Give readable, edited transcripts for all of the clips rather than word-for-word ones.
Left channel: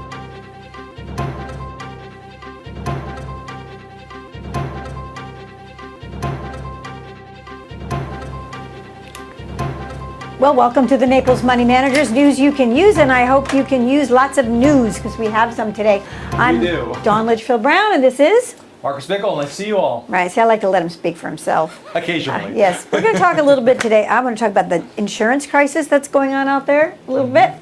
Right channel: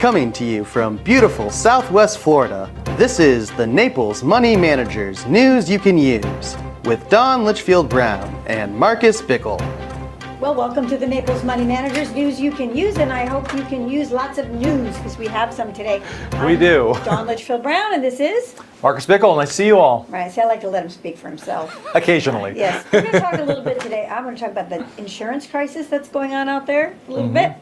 Coming to you from beautiful Southwest Florida, this is the Naples Money Managers News You Can Use with Don Lichfield Brown and Marcus Bickle. Well, welcome to the Naples Money Managers News You Can Use, and I hope you can use lots of news because we have some today. We do. Don Lichfield Brown, and this is? Marcus Bickle, nice to see you all. Right, see, I like to let him speak for himself. Occasionally. Yes, we're going to talk a little bit today. I want to talk about the insurance crisis that's going on out there a little bit,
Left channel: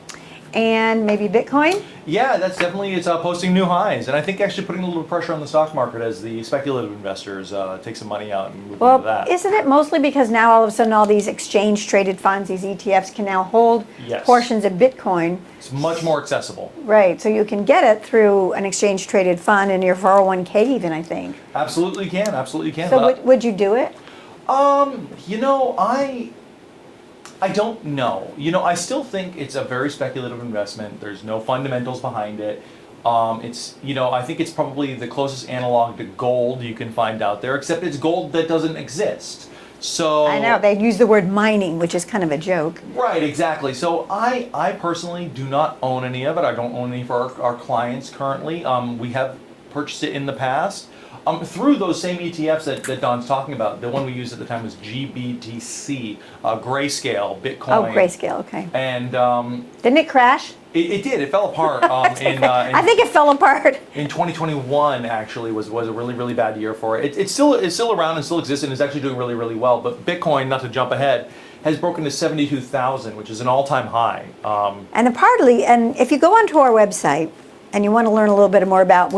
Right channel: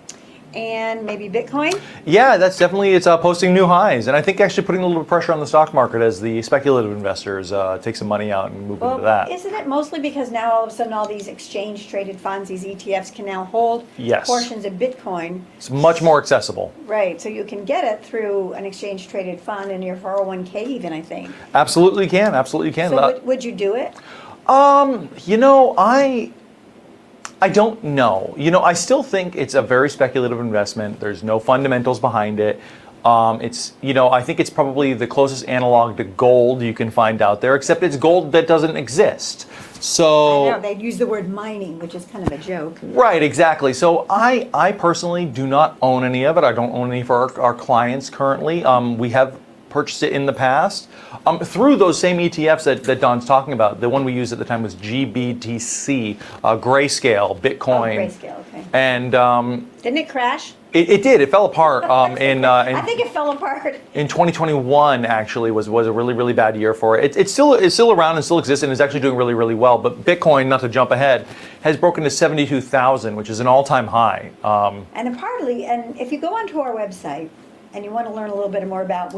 and maybe Bitcoin. Yeah, that's definitely, it's posting new highs, and I think actually putting a little pressure on the stock market as the speculative investors take some money out and move into that. Well, isn't it mostly because now all of a sudden all these exchange-traded funds, these ETFs, can now hold portions of Bitcoin? It's much more accessible. Right, so you can get it through an exchange-traded fund in your 401k even, I think. Absolutely can, absolutely can. So would you do it? You know, I don't know. You know, I still think it's a very speculative investment. There's no fundamentals behind it. It's, you know, I think it's probably the closest analog to gold you can find out there, except it's gold that doesn't exist. So I know, they use the word mining, which is kind of a joke. Right, exactly. So I personally do not own any of it. I don't own any for our clients currently. We have purchased it in the past. Through those same ETFs that Don's talking about. The one we used at the time was GBTC, Grayscale, Bitcoin. Oh, Grayscale, okay. And didn't it crash? It did. It fell apart. I think it fell apart. In 2021, actually, was a really, really bad year for it. It's still around and still exists and is actually doing really, really well. But Bitcoin, not to jump ahead, has broken to 72,000, which is an all-time high. And if you go onto our website and you want to learn a little bit more about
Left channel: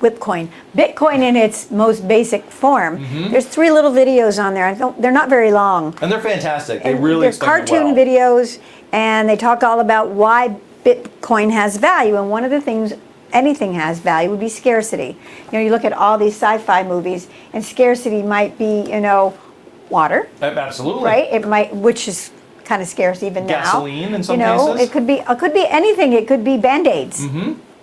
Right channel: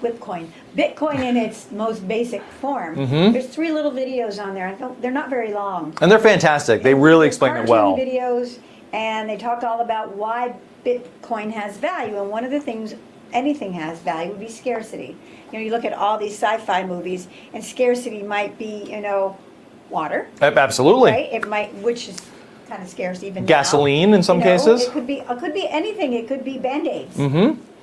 Bitcoin in its most basic form. There's 3 little videos on there. They're not very long. And they're fantastic. They really explain it well. Cartoon videos, and they talk all about why Bitcoin has value. And one of the things anything has value would be scarcity. You know, you look at all these sci-fi movies, and scarcity might be, you know, water. Absolutely. Right? It might, which is kind of scarce even now. Gasoline in some cases. It could be anything. It could be Band-Aids.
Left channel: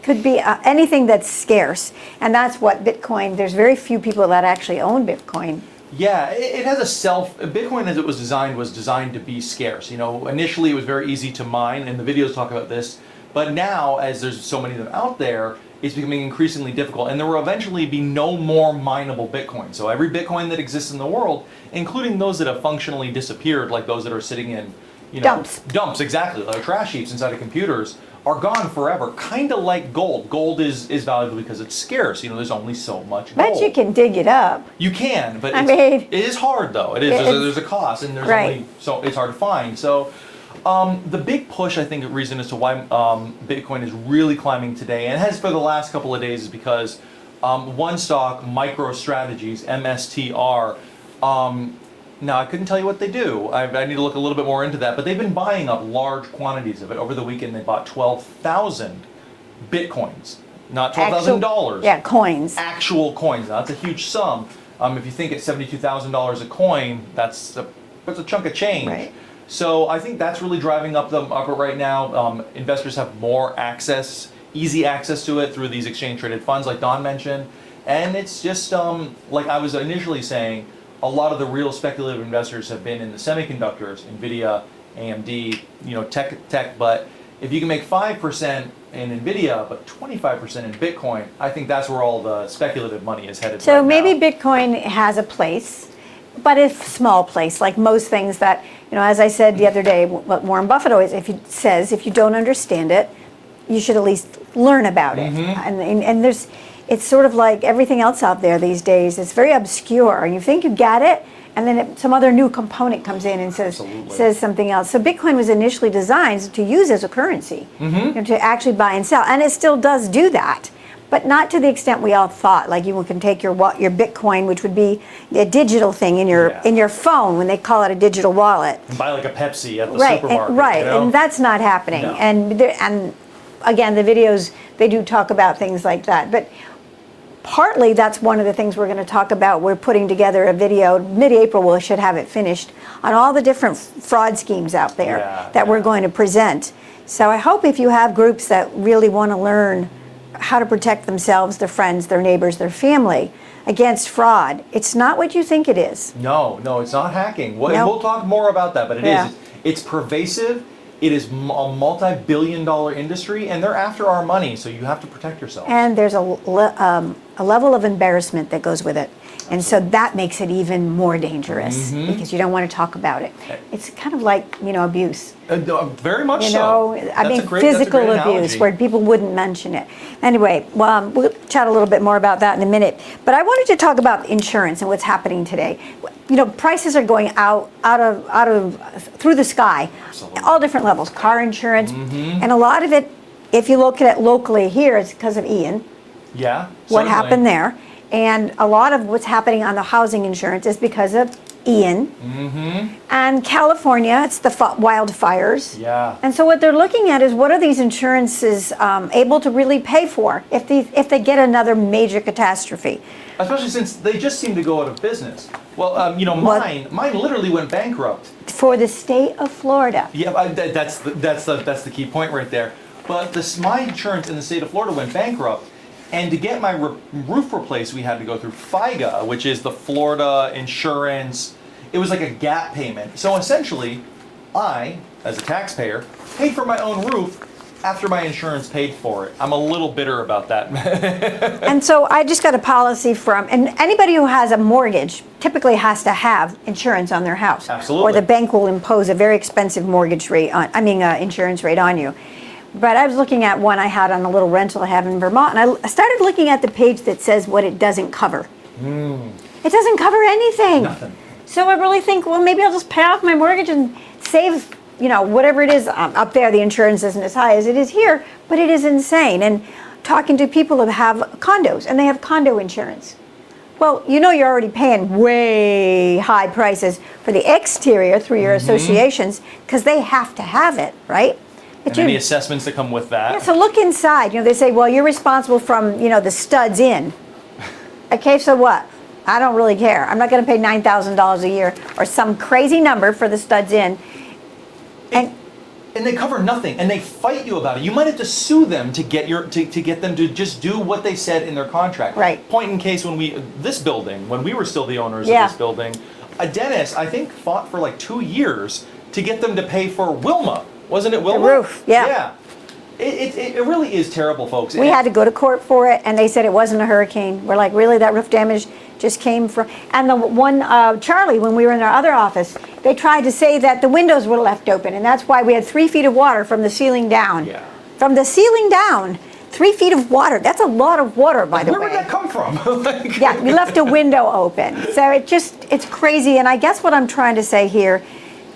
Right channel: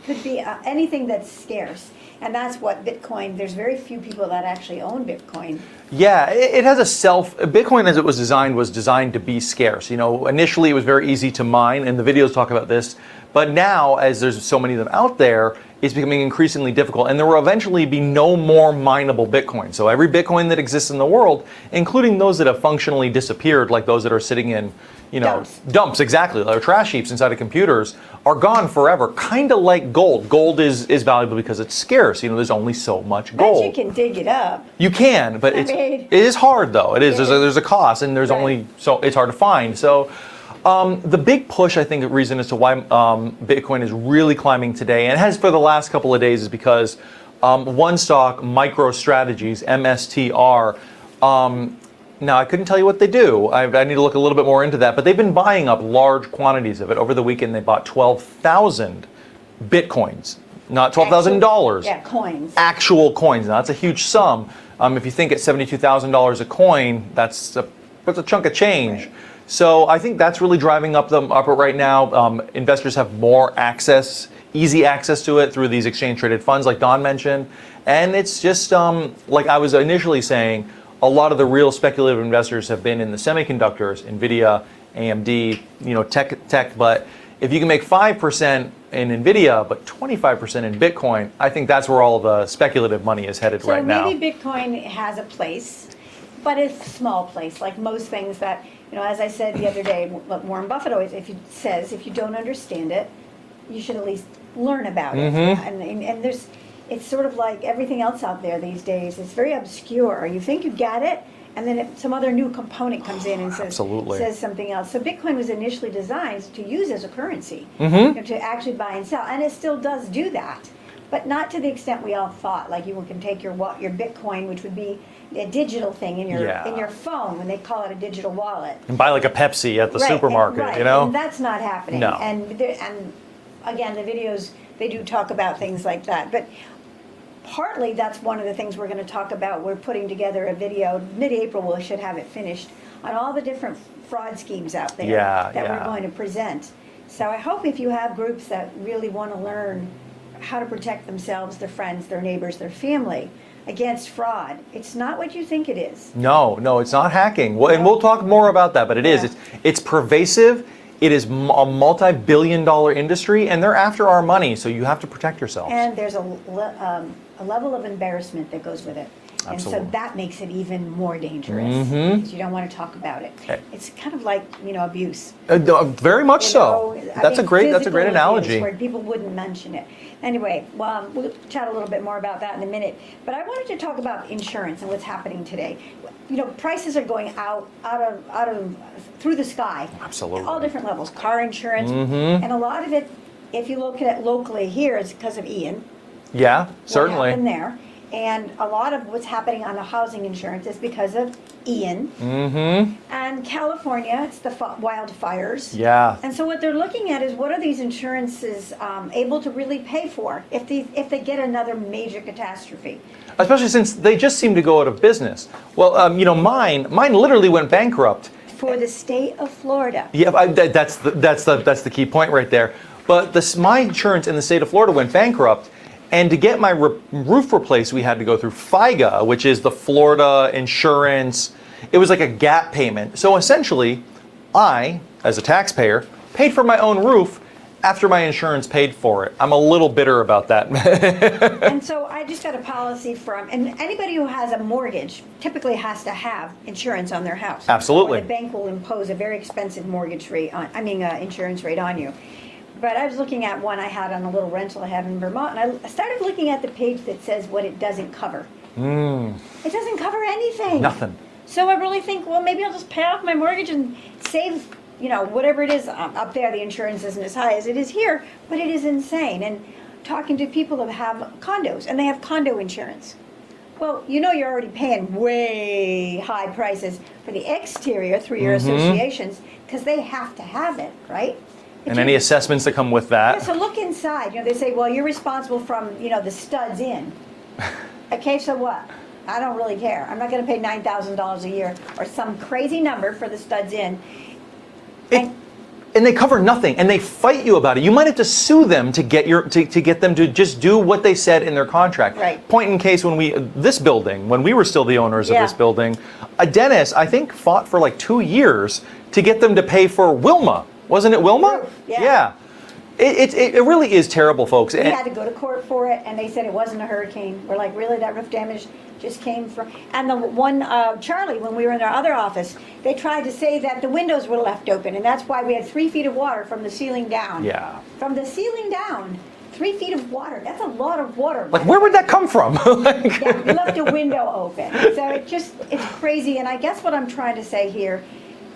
Could be anything that's scarce, and that's what Bitcoin. There's very few people that actually own Bitcoin. Yeah, it has Bitcoin as it was designed to be scarce. You know, initially it was very easy to mine, and the videos talk about this. But now, as there's so many of them out there, it's becoming increasingly difficult, and there will eventually be no more mineable Bitcoin. So every Bitcoin that exists in the world, including those that have functionally disappeared, like those that are sitting in, you know, dumps, exactly, like trash heaps inside of computers, are gone forever, kind of like gold. Gold is valuable because it's scarce. You know, there's only so much gold. But you can dig it up. You can, but it is hard though. It is. There's a cost, and there's so it's hard to find. So the big push, I think, the reason as to why Bitcoin is really climbing today, and has for the last couple of days, is because one stock, MicroStrategies, MSTR. Now, I couldn't tell you what they do. I need to look a little bit more into that. But they've been buying up large quantities of it. Over the weekend, they bought 12,000 Bitcoins, not $12,000. Yeah, coins. Actual coins. Now, that's a huge sum. If you think at $72,000 a coin, that's a chunk of change. Right. So I think that's really driving up right now. Investors have more access, easy access to it through these exchange-traded funds, like Don mentioned. And it's just, like I was initially saying, a lot of the real speculative investors have been in the semiconductors, NVIDIA, AMD, you know, tech. But if you can make 5% in NVIDIA, but 25% in Bitcoin, I think that's where all the speculative money is headed right now. So maybe Bitcoin has a place, but a small place, like most things that, you know, as I said the other day, what Warren Buffett always says, if you don't understand it, you should at least learn about it. And it's sort of like everything else out there these days. It's very obscure. You think you got it, and then some other new component comes in and says something else. So Bitcoin was initially designed to use as a currency, you know, to actually buy and sell, and it still does do that, but not to the extent we all thought. Like you can take your Bitcoin, which would be a digital thing in your phone when they call it a digital wallet. And buy like a Pepsi at the supermarket. Right, you know? and that's not happening. No. And again, the videos, they do talk about things like that, but partly that's one of the things we're going to talk about. We're putting together a video, mid-April we should have it finished, on all the different fraud schemes out there that we're going to present. So I hope if you have groups that really want to learn how to protect themselves, their friends, their neighbors, their family, against fraud. It's not what you think it is. No, it's not hacking. And Nope. we'll talk more about that, but it Yeah. is. It's pervasive. It is a multi-billion-dollar industry, and they're after our money, so you have to protect yourself. And there's a level of embarrassment that goes with it. And so Absolutely. that makes it even more dangerous because you don't want to talk about it. Okay. It's kind of like, abuse. Very much so. Physical abuse analogy. where people wouldn't mention it. Anyway, we'll chat a little bit more about that in a minute. But I wanted to talk about insurance and what's happening today. Prices are going out of through the sky. Absolutely. All different levels. Car insurance, and a lot of it, if you look at it locally here, it's because of Ian. Yeah, What certainly. happened there, and a lot of what's happening on the housing insurance is because of Ian. And California, it's the wildfires. Yeah. And so what they're looking at is what are these insurances able to really pay for if they get another major catastrophe? Especially since they just seem to go out of business. Well, mine literally went bankrupt. For the state of Florida. Yeah, that's the key point right there. But my insurance in the state of Florida went bankrupt, and to get my roof replaced, we had to go through FIGA, which is the Florida insurance. It was like a gap payment. So essentially, I, as a taxpayer, paid for my own roof after my insurance paid for it. I'm a little bitter about that. And so I just got a policy and anybody who has a mortgage typically has to have insurance on their house. Absolutely. Or the bank will impose a very expensive mortgage rate insurance rate on you. But I was looking at one I had on a little rental I have in Vermont, and I started looking at the page that says what it doesn't cover. It doesn't cover anything. Nothing. So I really think, well, maybe I'll just pay off my mortgage and save, whatever it is. Up there, the insurance isn't as high as it is here, but it is insane. And talking to people who have condos, and they have condo insurance. Well, you're already paying way high prices for the exterior through your associations because they have to have it, right? And any assessments that come with that. Yeah, so look inside. They say, well, you're responsible from, the studs in. Okay, so what? I don't really care. I'm not going to pay $9,000 a year or some crazy number for the studs in. And they cover nothing, and they fight you about it. You might have to sue them to get them to just do what they said in their contract. Right. Point in case when we were still the owners of this building, a dentist I think fought for like 2 years to get them to pay for Wilma. Wasn't it Wilma? The roof, yeah. It really is terrible, folks. We had to go to court for it, and they said it wasn't a hurricane. We're like, really? That roof damage just came from... And the one, Charlie, when we were in our other office, they tried to say that the windows were left open, and that's why we had 3 feet of water from the ceiling down. Yeah. From the ceiling down, 3 feet of water. That's a lot of water, by the way. Where would that come from? Yeah, we left a window open. So it's crazy. And I guess what I'm trying to say here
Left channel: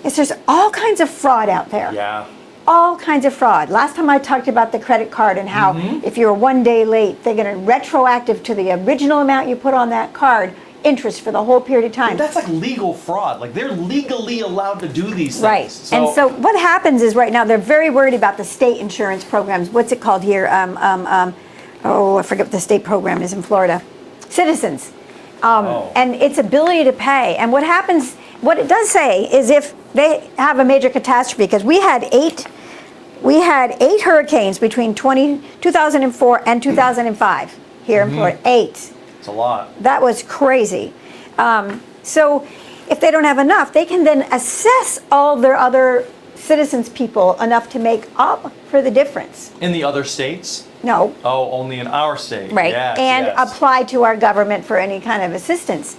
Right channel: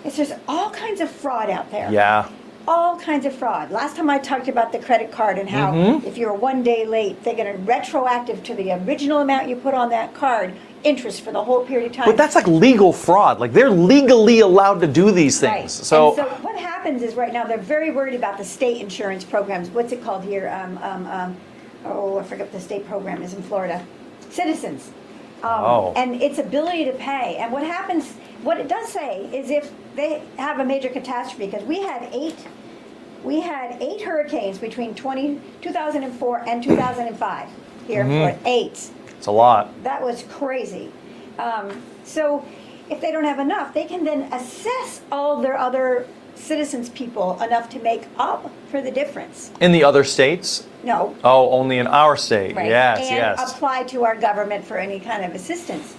is there's all kinds of fraud out there. Yeah. All kinds of fraud. Last time I talked about the credit card and how if you're 1 day late, they're going to retroactive to the original amount you put on that card, interest for the whole period of time. But that's like legal fraud. Like they're legally allowed to do these things. Right. And so what happens is right now they're very worried about the state insurance programs. What's it called here? I forget what the state program is in Florida. Citizens. And its ability to pay. And what happens, what it does say is if they have a major catastrophe, because we had eight hurricanes between 2004 and 2005 here in Florida. 8. It's a lot. That was crazy. So if they don't have enough, they can then assess all their other citizens people enough to make up for the difference. In the other states? No. Oh, only in our state. Right. Yes, and yes. apply to our government for any kind of assistance.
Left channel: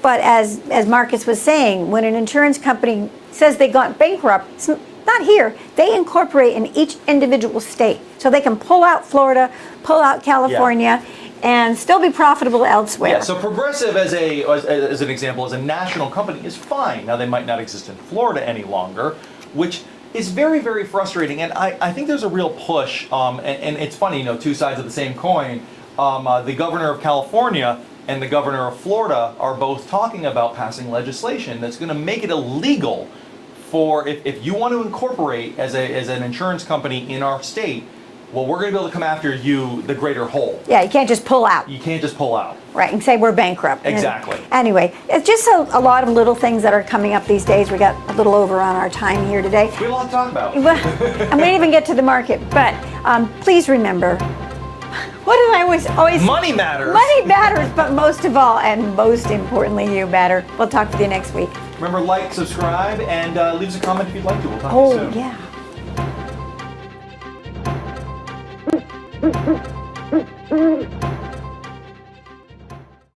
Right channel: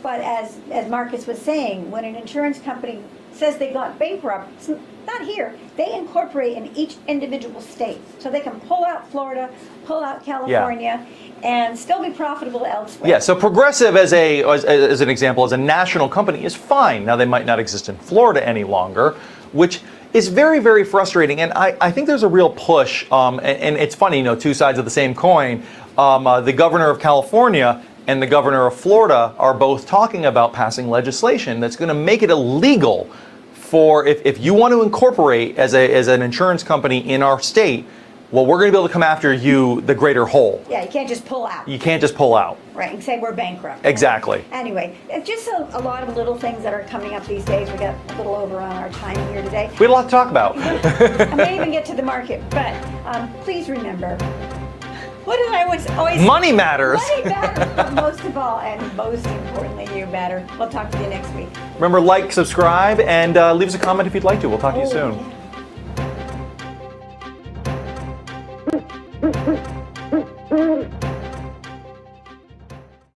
But as Marcus was saying, when an insurance company says they got bankrupt, it's not here. They incorporate in each individual state. So they can pull out Florida, pull out California, and still be profitable elsewhere. Yeah, so Progressive as an example, as a national company is fine. Now they might not exist in Florida any longer, which is very, very frustrating. And I think there's a real push, and it's funny, 2 sides of the same coin. The governor of California and the governor of Florida are both talking about passing legislation that's going to make it illegal for if you want to incorporate as an insurance company in our state, well, we're going to be able to come after you the greater whole. Yeah, you can't just pull out. You can't just pull out. Right, and say we're bankrupt. Exactly. Anyway, it's just a lot of little things that are coming up these days. We got a little over on our time here today. We had a lot to talk about. Well, I might even get to the market, but please remember, What did I always Money matters. Money matters, but most of all, and most importantly, you matter. We'll talk with you next week. Remember, like, subscribe, and leave us a comment if you'd like to. We'll talk to you soon. Yeah.